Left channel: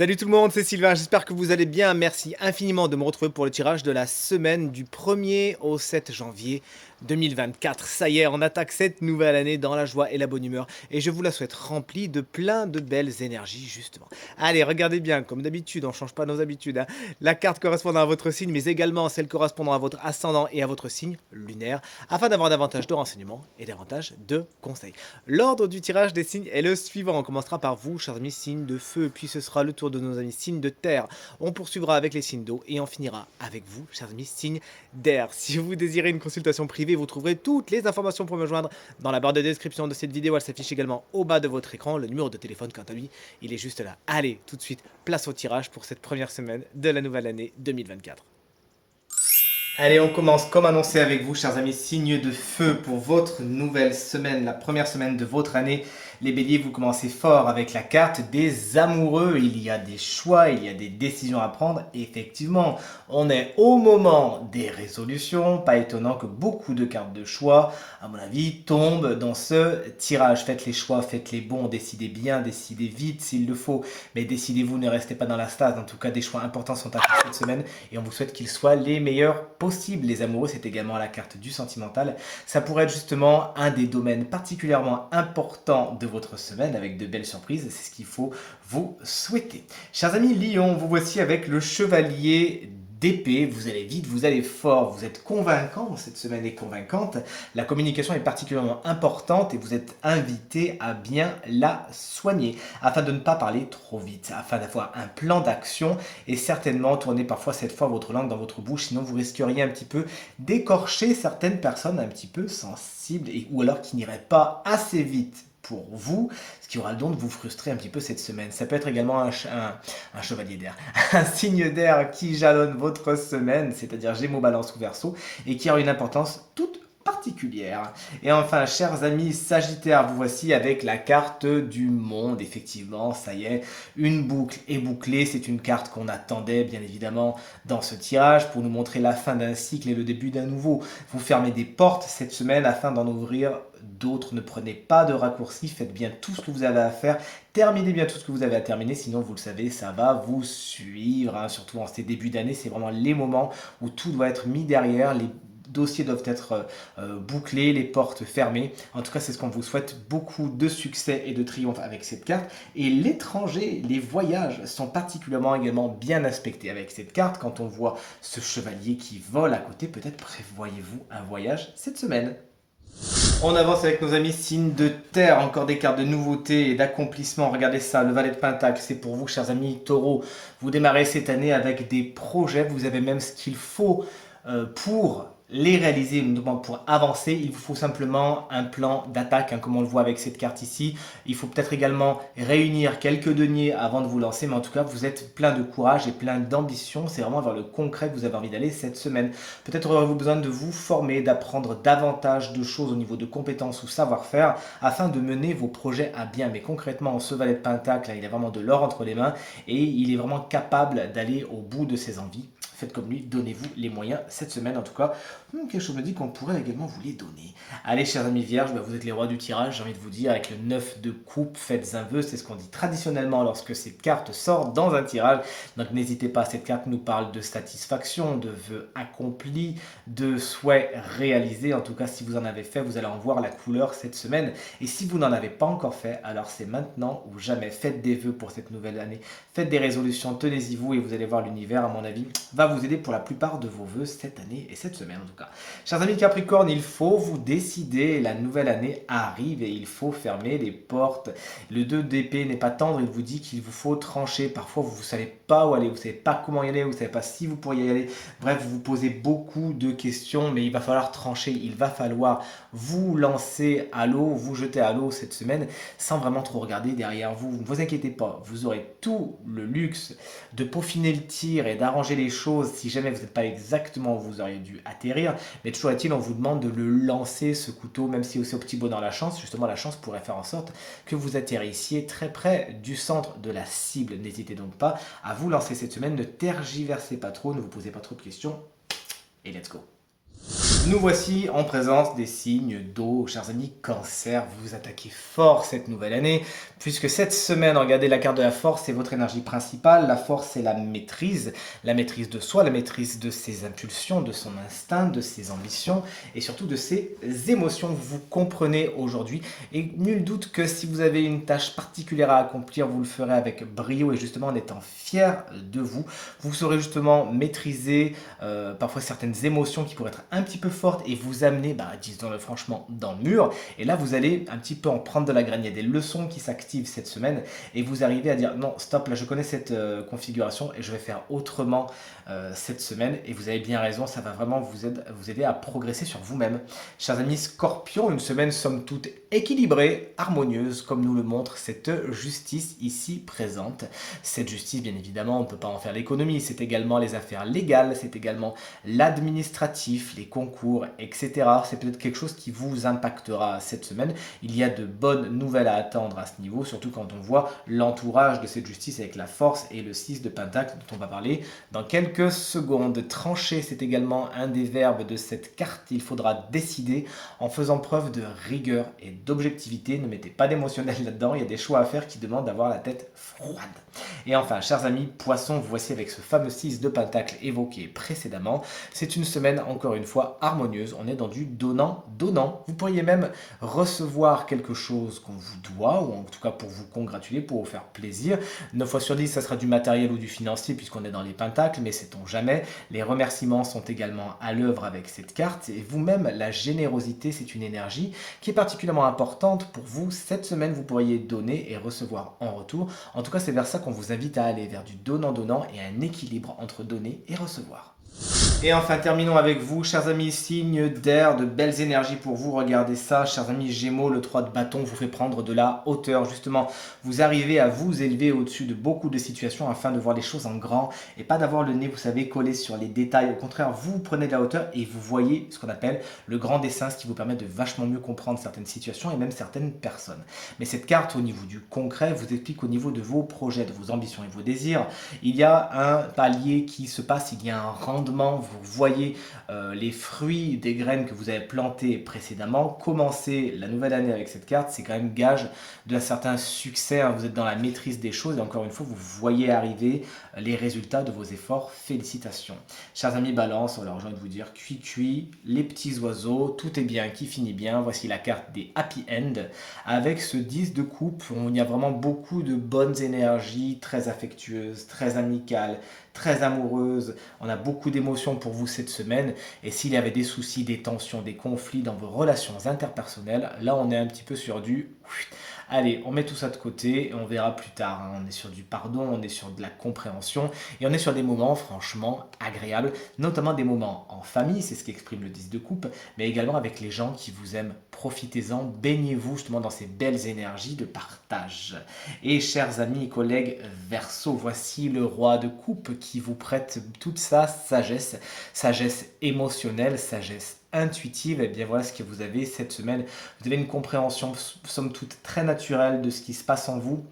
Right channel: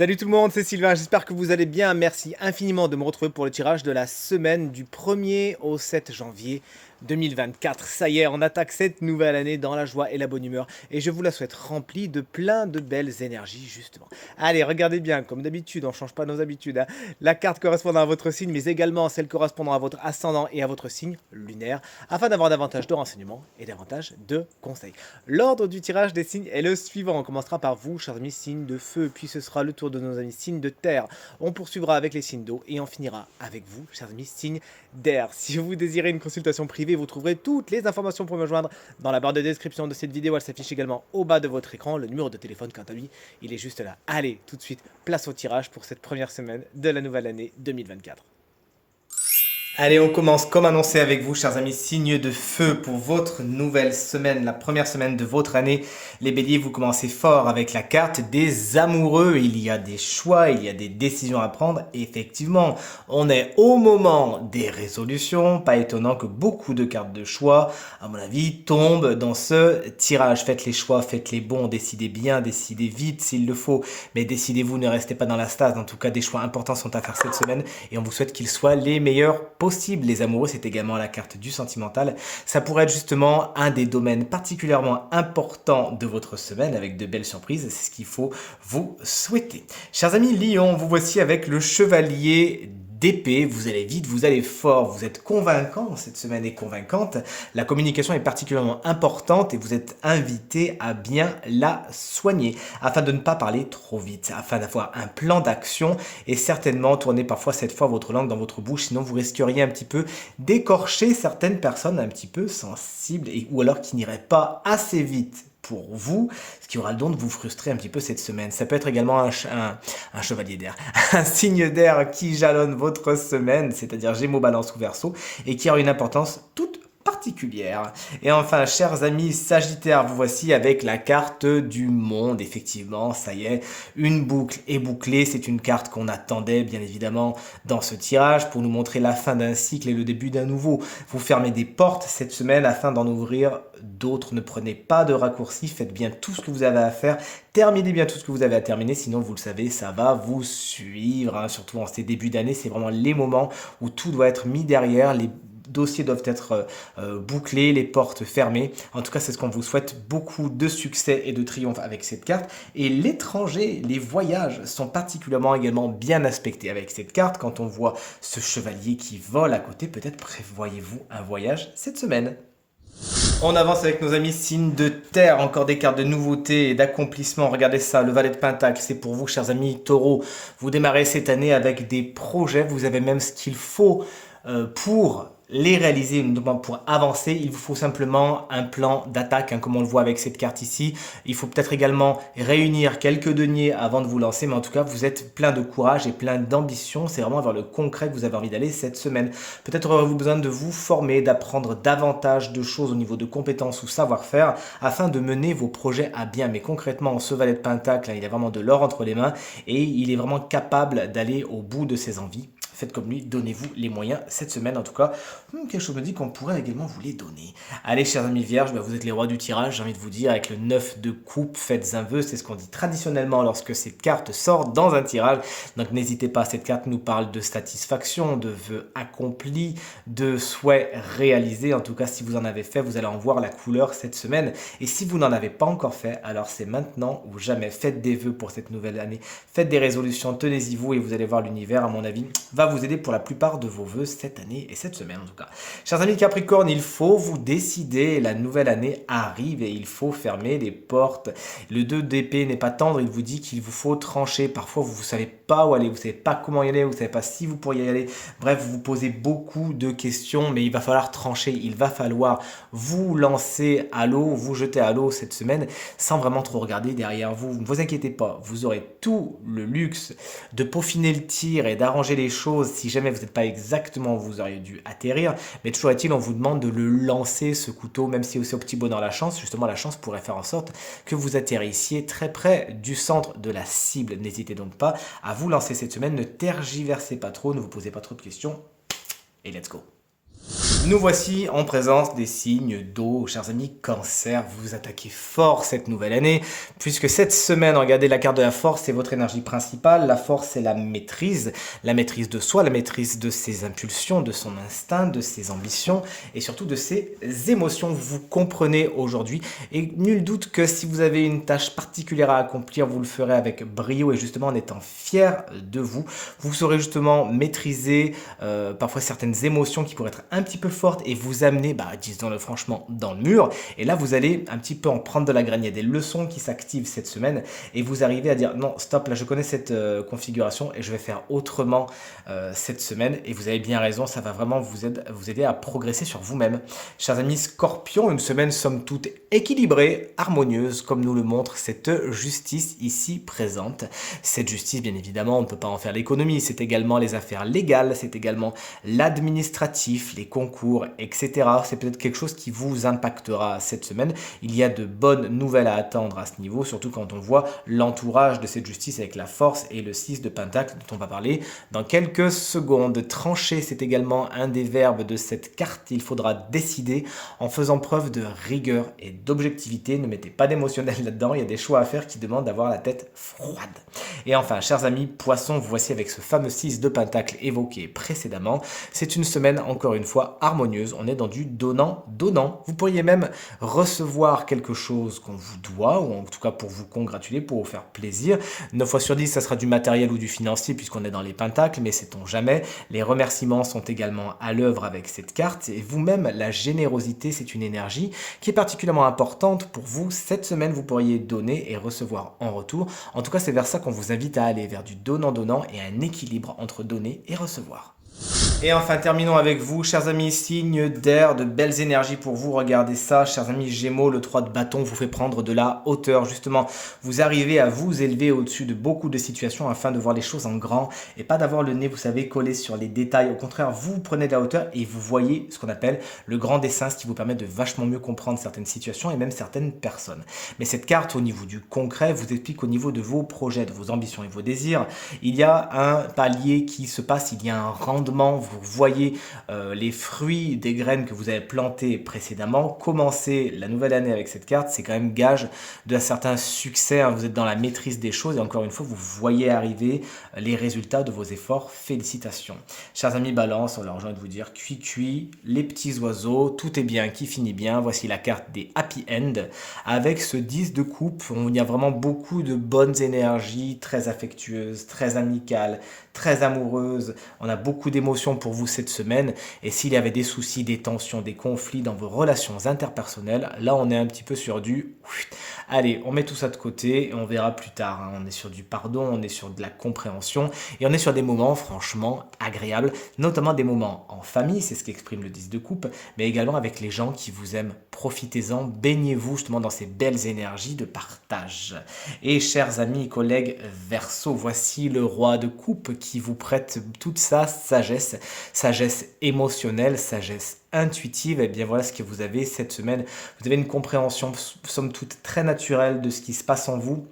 Salut tout le monde, c'est Sylvain, j'espère que vous allez bien. Merci infiniment de me retrouver pour le tirage de la semaine du 1er au 7 janvier 2024. Ça y est, on attaque cette nouvelle année dans la joie et la bonne humeur et je vous la souhaite remplie de plein de belles énergies justement. Allez, regardez bien, comme d'habitude, on ne change pas nos habitudes, hein. La carte correspondant à votre signe, mais également celle correspondant à votre ascendant et à votre signe lunaire, afin d'avoir davantage de renseignements et davantage de conseils. L'ordre du tirage des signes est le suivant. On commencera par vous, chers amis, signes de feu, puis ce sera le tour de nos amis signes de terre. On poursuivra avec les signes d'eau et on finira avec vous, chers amis, signes d'air. Si vous désirez une consultation privée, vous trouverez toutes les informations pour me joindre dans la barre de description de cette vidéo. Elle s'affiche également au bas de votre écran. Le numéro de téléphone, quant à lui, il est juste là. Allez, tout de suite, place au tirage pour cette première semaine de la nouvelle année 2024. Allez, on commence comme annoncé avec vous, chers amis, signe de feu pour votre nouvelle semaine, la première semaine de votre année. Les béliers, vous commencez fort avec la carte des amoureux. Il y a des choix, il y a des décisions à prendre. Effectivement, on est au moment des résolutions. Pas étonnant que beaucoup de cartes de choix, à mon avis, tombent dans ce tirage. Faites les choix, faites les bons, décidez bien, décidez vite s'il le faut. Mais décidez-vous, ne restez pas dans la stase. En tout cas, des choix importants sont à faire cette semaine et on vous souhaite qu'ils soient les meilleurs possibles. Les amoureux, c'est également la carte du sentimental. Ça pourrait être justement un des domaines particulièrement importants de votre semaine avec de belles surprises. C'est ce qu'il faut vous souhaiter. Chers amis Lion, vous voici avec le chevalier d'épée. Vous allez vite, vous allez fort, vous êtes convaincant. Cette semaine est convaincante. La communication est particulièrement importante et vous êtes invité à bien la soigner afin de ne pas parler trop vite, afin d'avoir un plan d'action et certainement tourner parfois cette fois votre langue dans votre bouche, sinon vous risqueriez un petit peu d'écorcher certaines personnes un petit peu sensibles ou alors qui n'iraient pas assez vite pour vous, ce qui aura le don de vous frustrer un petit peu cette semaine. Ça peut être également un chevalier d'air, un signe d'air qui jalonne votre semaine, c'est-à-dire Gémeaux, Balance ou Verseau, et qui a une importance toute particulière. Et enfin, chers amis Sagittaire, vous voici avec la carte du monde. Effectivement, ça y est, une boucle est bouclée. C'est une carte qu'on attendait bien évidemment dans ce tirage pour nous montrer la fin d'un cycle et le début d'un nouveau. Vous fermez des portes cette semaine afin d'en ouvrir d'autres. Ne prenez pas de raccourcis, faites bien tout ce que vous avez à faire. Terminez bien tout ce que vous avez à terminer, sinon vous le savez, ça va vous suivre, hein. Surtout en ces débuts d'année, c'est vraiment les moments où tout doit être mis derrière, les dossiers doivent être bouclés, les portes fermées. En tout cas, c'est ce qu'on vous souhaite. Beaucoup de succès et de triomphe avec cette carte. Et l'étranger, les voyages sont particulièrement également bien aspectés avec cette carte. Quand on voit ce chevalier qui vole à côté, peut-être prévoyez-vous un voyage cette semaine. On avance avec nos amis signes de terre, encore des cartes de nouveauté et d'accomplissement. Regardez ça, le valet de Pentacle, c'est pour vous, chers amis taureaux. Vous démarrez cette année avec des projets, vous avez même ce qu'il faut pour les réaliser, notamment pour avancer. Il vous faut simplement un plan d'attaque, hein, comme on le voit avec cette carte ici. Il faut peut-être également réunir quelques deniers avant de vous lancer, mais en tout cas, vous êtes plein de courage et plein d'ambition. C'est vraiment vers le concret que vous avez envie d'aller cette semaine. Peut-être aurez-vous besoin de vous former, d'apprendre davantage de choses au niveau de compétences ou savoir-faire afin de mener vos projets à bien. Mais concrètement, ce valet de Pentacle, il a vraiment de l'or entre les mains et il est vraiment capable d'aller au bout de ses envies. Faites comme lui, donnez-vous les moyens cette semaine en tout cas. Quelque chose me dit qu'on pourrait également vous les donner. Allez, chers amis vierges, vous êtes les rois du tirage, j'ai envie de vous dire, avec le 9 de coupe, faites un vœu, c'est ce qu'on dit traditionnellement lorsque cette carte sort dans un tirage. Donc n'hésitez pas, cette carte nous parle de satisfaction, de vœux accomplis, de souhaits réalisés. En tout cas, si vous en avez fait, vous allez en voir la couleur cette semaine. Et si vous n'en avez pas encore fait, alors c'est maintenant ou jamais. Faites des vœux pour cette nouvelle année, faites des résolutions, tenez-y vous et vous allez voir l'univers, à mon avis, va vous aider pour la plupart de vos vœux cette année et cette semaine en tout cas. Chers amis Capricorne, il faut vous décider, la nouvelle année arrive et il faut fermer les portes. Le 2 d'épée n'est pas tendre, il vous dit qu'il vous faut trancher. Parfois vous ne savez pas où aller, vous ne savez pas comment y aller, vous ne savez pas si vous pourriez y aller. Bref, vous vous posez beaucoup de questions, mais il va falloir trancher, il va falloir vous lancer à l'eau, vous jeter à l'eau cette semaine sans vraiment trop regarder derrière vous. Ne vous inquiétez pas, vous aurez tout le luxe de peaufiner le tir et d'arranger les choses si jamais vous n'êtes pas exactement où vous auriez dû atterrir. Mais toujours est-il, on vous demande de le lancer ce couteau, même si aussi au petit bonheur la chance, justement la chance pourrait faire en sorte que vous atterrissiez très près du centre de la cible. N'hésitez donc pas à vous lancer cette semaine, ne tergiversez pas trop, ne vous posez pas trop de questions et let's go. Nous voici en présence des signes d'eau. Chers amis, cancer, vous vous attaquez fort cette nouvelle année, puisque cette semaine, regardez la carte de la force, c'est votre énergie principale. La force, c'est la maîtrise de soi, la maîtrise de ses impulsions, de son instinct, de ses ambitions et surtout de ses émotions. Vous comprenez aujourd'hui et nul doute que si vous avez une tâche particulière à accomplir, vous le ferez avec brio et justement en étant fier de vous. Vous saurez justement maîtriser parfois certaines émotions qui pourraient être un petit peu fortes et vous amener, disons-le franchement, dans le mur. Et là, vous allez un petit peu en prendre de la graine. Il y a des leçons qui s'activent cette semaine et vous arrivez à dire non, stop, là je connais cette configuration et je vais faire autrement cette semaine. Et vous avez bien raison, ça va vraiment vous aider à progresser sur vous-même. Chers amis Scorpion, une semaine somme toute équilibrée, harmonieuse, comme nous le montre cette justice ici présente. Cette justice, bien évidemment, on ne peut pas en faire l'économie. C'est également les affaires légales, c'est également l'administratif, les concours, etc. C'est peut-être quelque chose qui vous impactera cette semaine. Il y a de bonnes nouvelles à attendre à ce niveau, surtout quand on voit l'entourage de cette justice avec la force et le 6 de Pentacle dont on va parler dans quelques secondes. Trancher, c'est également un des verbes de cette carte. Il faudra décider en faisant preuve de rigueur et d'objectivité. Ne mettez pas d'émotionnel là-dedans. Il y a des choix à faire qui demandent d'avoir la tête froide. Et enfin, chers amis poissons, vous voici avec ce fameux 6 de Pentacle évoqué précédemment. C'est une semaine, encore une fois, harmonieuse. On est dans du donnant-donnant. Vous pourriez même recevoir quelque chose qu'on vous doit, ou en tout cas pour vous congratuler, pour vous faire plaisir. 9 fois sur 10, ça sera du matériel ou du financier, puisqu'on est dans les pentacles, mais sait-on jamais. Les remerciements sont également à l'œuvre avec cette carte. Et vous-même, la générosité, c'est une énergie qui est particulièrement importante pour vous. Cette semaine, vous pourriez donner et recevoir en retour. En tout cas, c'est vers ça qu'on vous invite à aller, vers du donnant-donnant et un équilibre entre donner et recevoir. Et enfin, terminons avec vous, chers amis, signe d'air, de belles énergies pour vous. Regardez ça, chers amis Gémeaux, le 3 de bâton vous fait prendre de la hauteur. Justement, vous arrivez à vous élever au-dessus de beaucoup de situations afin de voir les choses en grand et pas d'avoir le nez, vous savez, collé sur les détails. Au contraire, vous prenez de la hauteur et vous voyez ce qu'on appelle le grand dessin, ce qui vous permet de vachement mieux comprendre certaines situations et même certaines personnes. Mais cette carte, au niveau du concret, vous explique au niveau de vos projets, de vos ambitions et vos désirs, il y a un palier qui se passe, il y a un rendement. Vous voyez les fruits des graines que vous avez plantées précédemment. Commencer la nouvelle année avec cette carte, c'est quand même gage d'un certain succès. Vous êtes dans la maîtrise des choses et encore une fois, vous voyez arriver les résultats de vos efforts. Félicitations. Chers amis Balance, alors j'ai envie de vous dire cuit, les petits oiseaux, tout est bien qui finit bien. Voici la carte des happy end avec ce 10 de coupe. Il y a vraiment beaucoup de bonnes énergies, très affectueuses, très amicales, très amoureuse, on a beaucoup d'émotions pour vous cette semaine et s'il y avait des soucis, des tensions, des conflits dans vos relations interpersonnelles, là on est un petit peu sur du allez, on met tout ça de côté et on verra plus tard. On est sur du pardon, on est sur de la compréhension et on est sur des moments franchement agréables, notamment des moments en famille, c'est ce qu'exprime le 10 de coupe, mais également avec les gens qui vous aiment. Profitez-en, baignez-vous justement dans ces belles énergies de partage. Et chers amis et collègues Verseau, voici le roi de coupe qui vous prête toute sa sagesse, sagesse émotionnelle, sagesse intuitive. Et bien voilà ce que vous avez cette semaine. Vous avez une compréhension somme toute très naturelle de ce qui se passe en vous.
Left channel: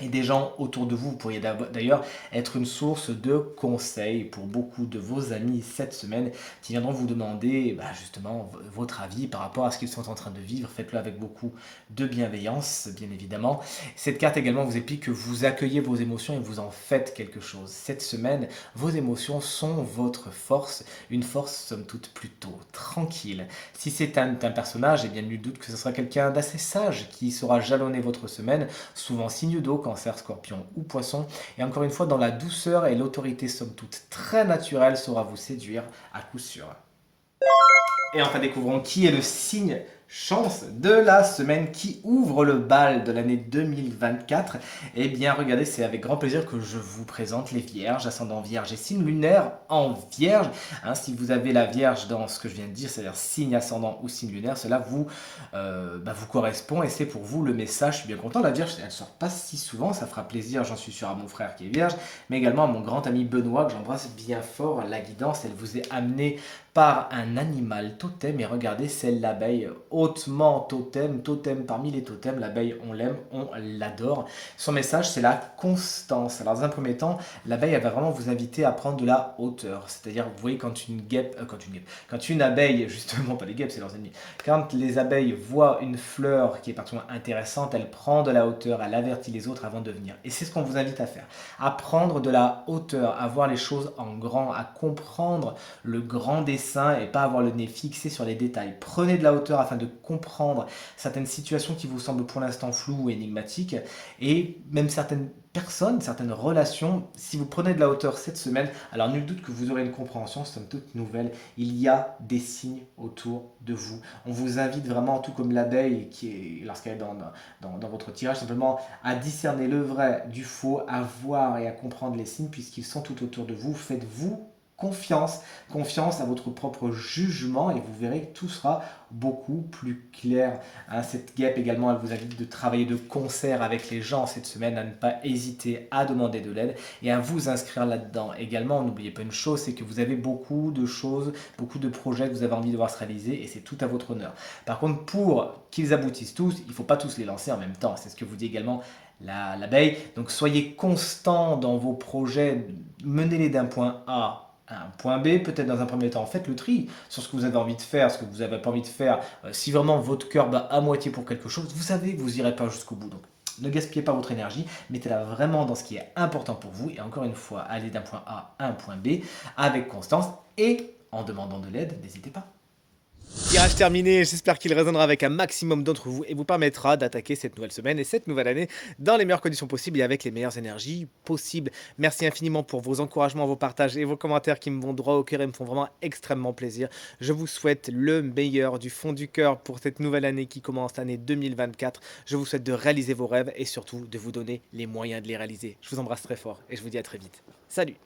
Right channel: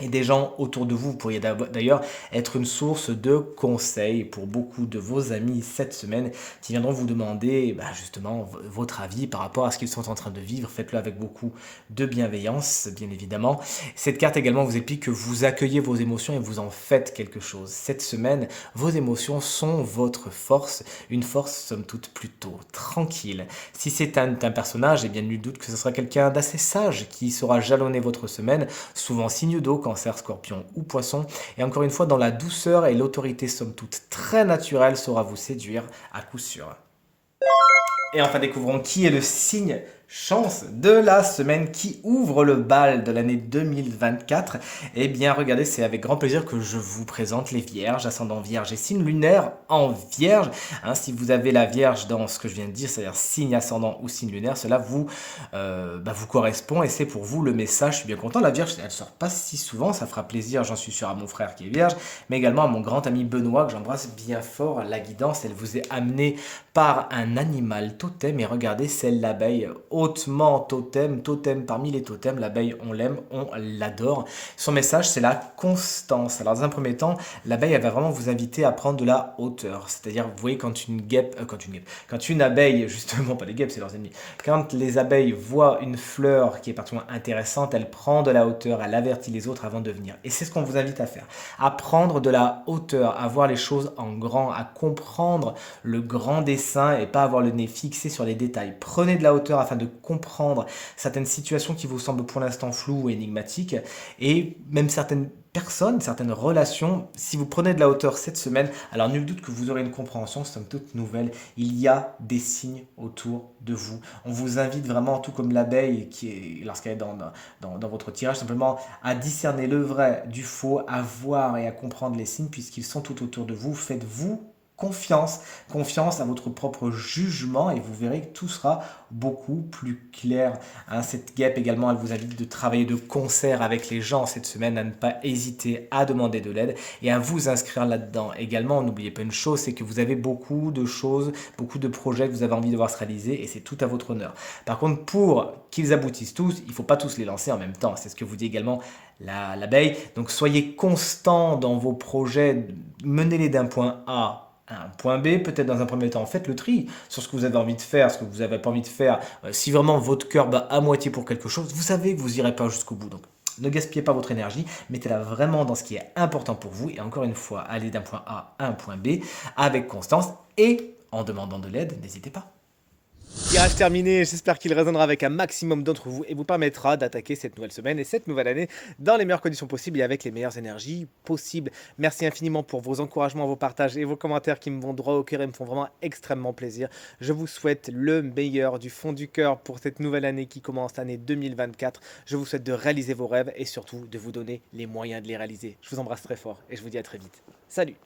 Et des gens autour de vous, vous pourriez d'ailleurs être une source de conseils pour beaucoup de vos amis cette semaine qui viendront vous demander justement votre avis par rapport à ce qu'ils sont en train de vivre. Faites-le avec beaucoup de bienveillance, bien évidemment. Cette carte également vous explique que vous accueillez vos émotions et vous en faites quelque chose. Cette semaine, vos émotions sont votre force, une force somme toute plutôt tranquille. Si c'est un personnage, bien nul doute que ce sera quelqu'un d'assez sage qui saura jalonner votre semaine, souvent signe d'eau, Cancer, Scorpion ou Poisson. Et encore une fois, dans la douceur et l'autorité somme toute très naturelle saura vous séduire à coup sûr. Et enfin, découvrons qui est le signe chance de la semaine qui ouvre le bal de l'année 2024. Eh bien, regardez, c'est avec grand plaisir que je vous présente les Vierges, ascendant Vierge et signe lunaire en Vierge. Si vous avez la Vierge dans ce que je viens de dire, c'est-à-dire signe ascendant ou signe lunaire, cela vous correspond et c'est pour vous le message. Je suis bien content. La Vierge, elle ne sort pas si souvent, ça fera plaisir, j'en suis sûr, à mon frère qui est Vierge, mais également à mon grand ami Benoît, que j'embrasse bien fort. La guidance, elle vous est amenée par un animal totem et regardez, c'est l'abeille hautement totem, totem parmi les totems. L'abeille, on l'aime, on l'adore. Son message, c'est la constance. Alors, dans un premier temps, l'abeille, elle va vraiment vous inviter à prendre de la hauteur. C'est-à-dire, vous voyez, quand une abeille, justement, pas les guêpes, c'est leurs ennemis, quand les abeilles voient une fleur qui est particulièrement intéressante, elle prend de la hauteur, elle avertit les autres avant de venir. Et c'est ce qu'on vous invite à faire. À prendre de la hauteur, à voir les choses en grand, à comprendre le grand dessin et pas avoir le nez fixé sur les détails. Prenez de la hauteur afin de comprendre certaines situations qui vous semblent pour l'instant floues ou énigmatiques et même certaines personnes, certaines relations. Si vous prenez de la hauteur cette semaine, alors nul doute que vous aurez une compréhension somme toute nouvelle. Il y a des signes autour de vous. On vous invite vraiment, tout comme l'abeille qui est, lorsqu'elle est dans votre tirage, simplement à discerner le vrai du faux, à voir et à comprendre les signes puisqu'ils sont tout autour de vous. Faites-vous confiance, confiance à votre propre jugement et vous verrez que tout sera beaucoup plus clair. Hein, cette guêpe également, elle vous invite de travailler de concert avec les gens cette semaine, à ne pas hésiter à demander de l'aide et à vous inscrire là-dedans. Également, n'oubliez pas une chose, c'est que vous avez beaucoup de choses, beaucoup de projets que vous avez envie de voir se réaliser et c'est tout à votre honneur. Par contre, pour qu'ils aboutissent tous, il ne faut pas tous les lancer en même temps. C'est ce que vous dit également l'abeille. Donc soyez constant dans vos projets, menez-les d'un point A à un point B, peut-être dans un premier temps, faites le tri sur ce que vous avez envie de faire, ce que vous n'avez pas envie de faire. Si vraiment votre cœur bat à moitié pour quelque chose, vous savez que vous n'irez pas jusqu'au bout. Donc, ne gaspillez pas votre énergie, mettez-la vraiment dans ce qui est important pour vous. Et encore une fois, allez d'un point A à un point B avec constance et en demandant de l'aide, n'hésitez pas. Tirage terminé, j'espère qu'il résonnera avec un maximum d'entre vous et vous permettra d'attaquer cette nouvelle semaine et cette nouvelle année dans les meilleures conditions possibles et avec les meilleures énergies possibles. Merci infiniment pour vos encouragements, vos partages et vos commentaires qui me vont droit au cœur et me font vraiment extrêmement plaisir. Je vous souhaite le meilleur du fond du cœur pour cette nouvelle année qui commence, l'année 2024. Je vous souhaite de réaliser vos rêves et surtout de vous donner les moyens de les réaliser. Je vous embrasse très fort et je vous dis à très vite. Salut!